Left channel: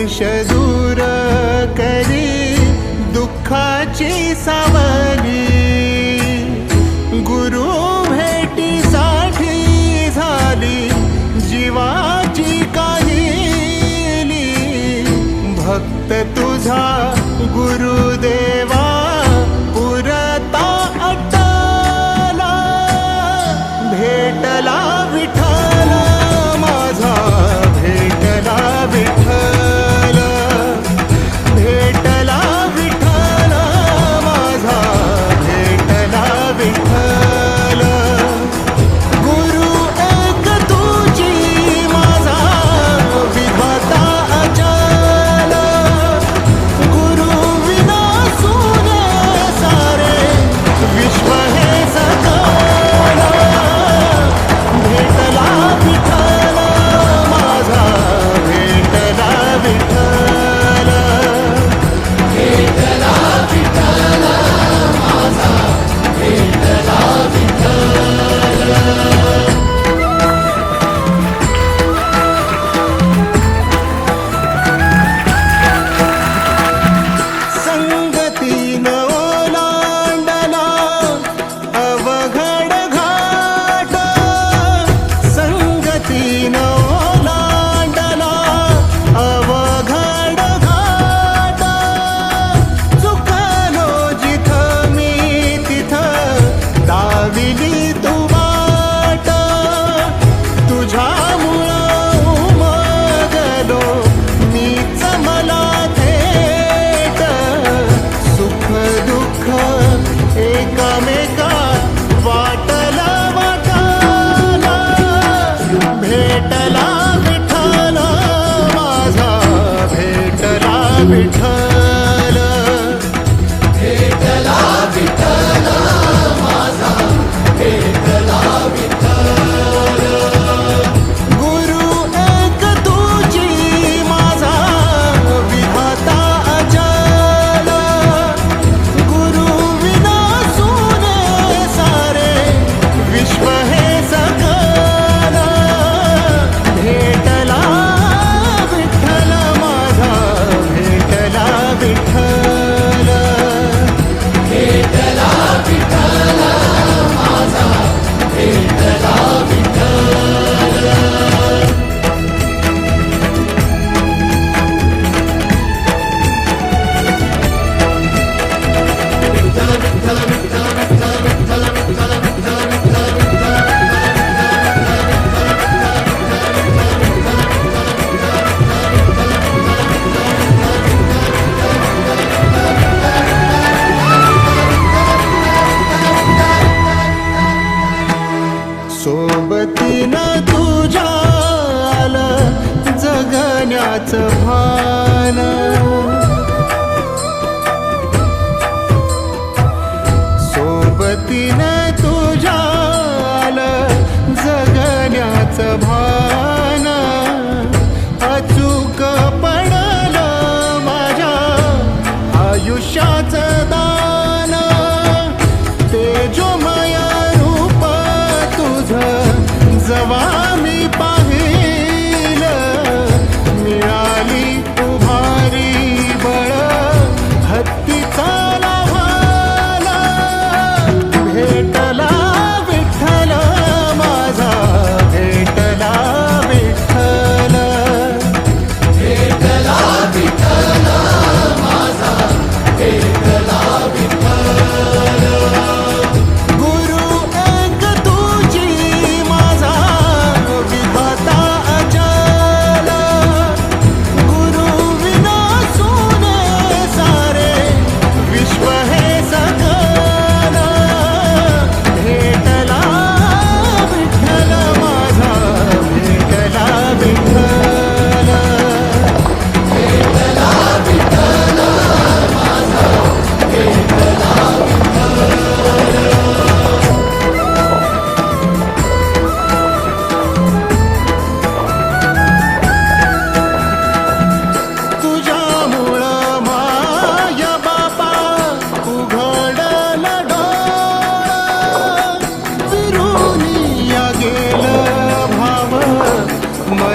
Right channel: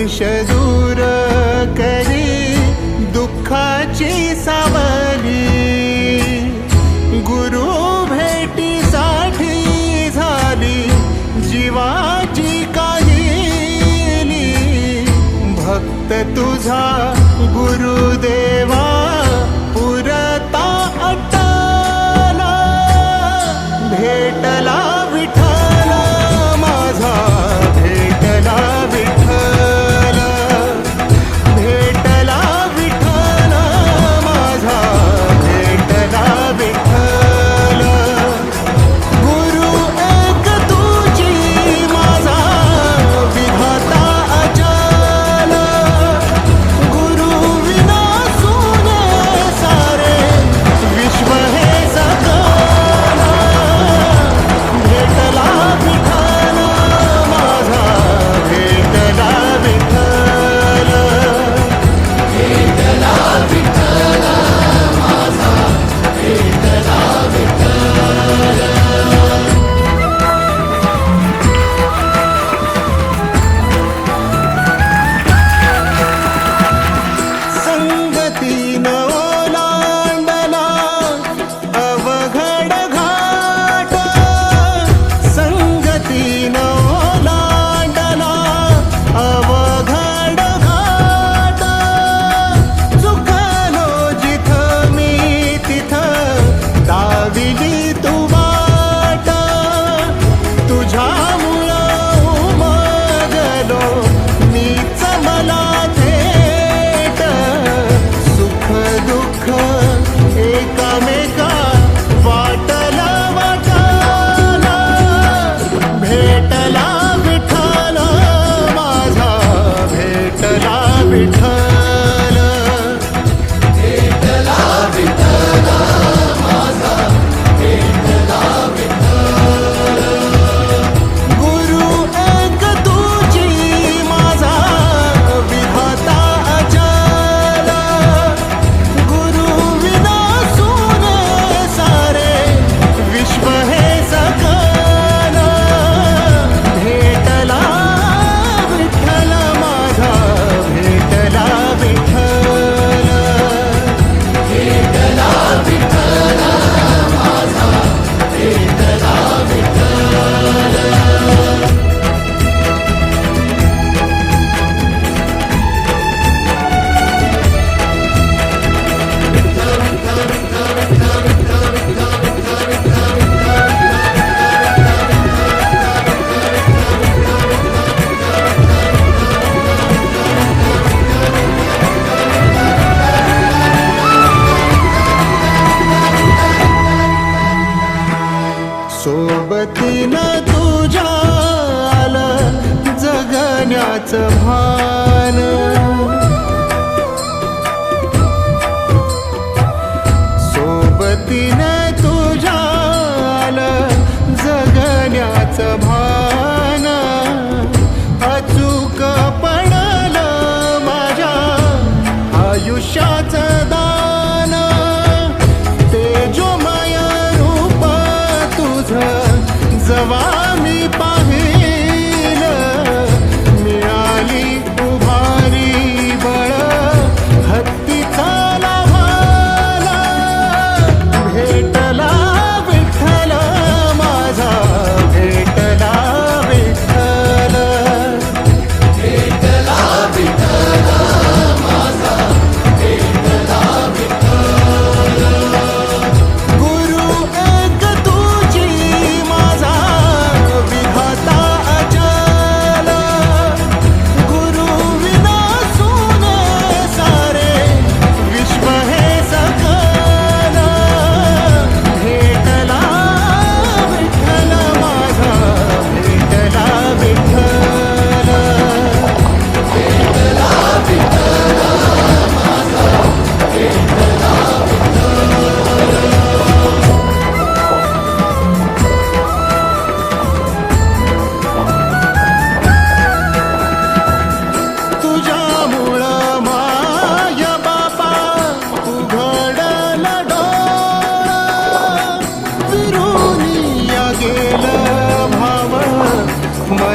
स्पर्श दूर करी दुःखाची सावली. गुरु भेटीसाठी झाली जीवाची काहिली. भक्त तुझा गुरुदेवा पुरता अटला. भेटला विट बैठा त्याच भान. सोबतीने तुझ्याल जगण्याच भान. अचूक पडल माझ्या आयुष्याच दान. तेजोमय रूप तुझ जवा मी पा remember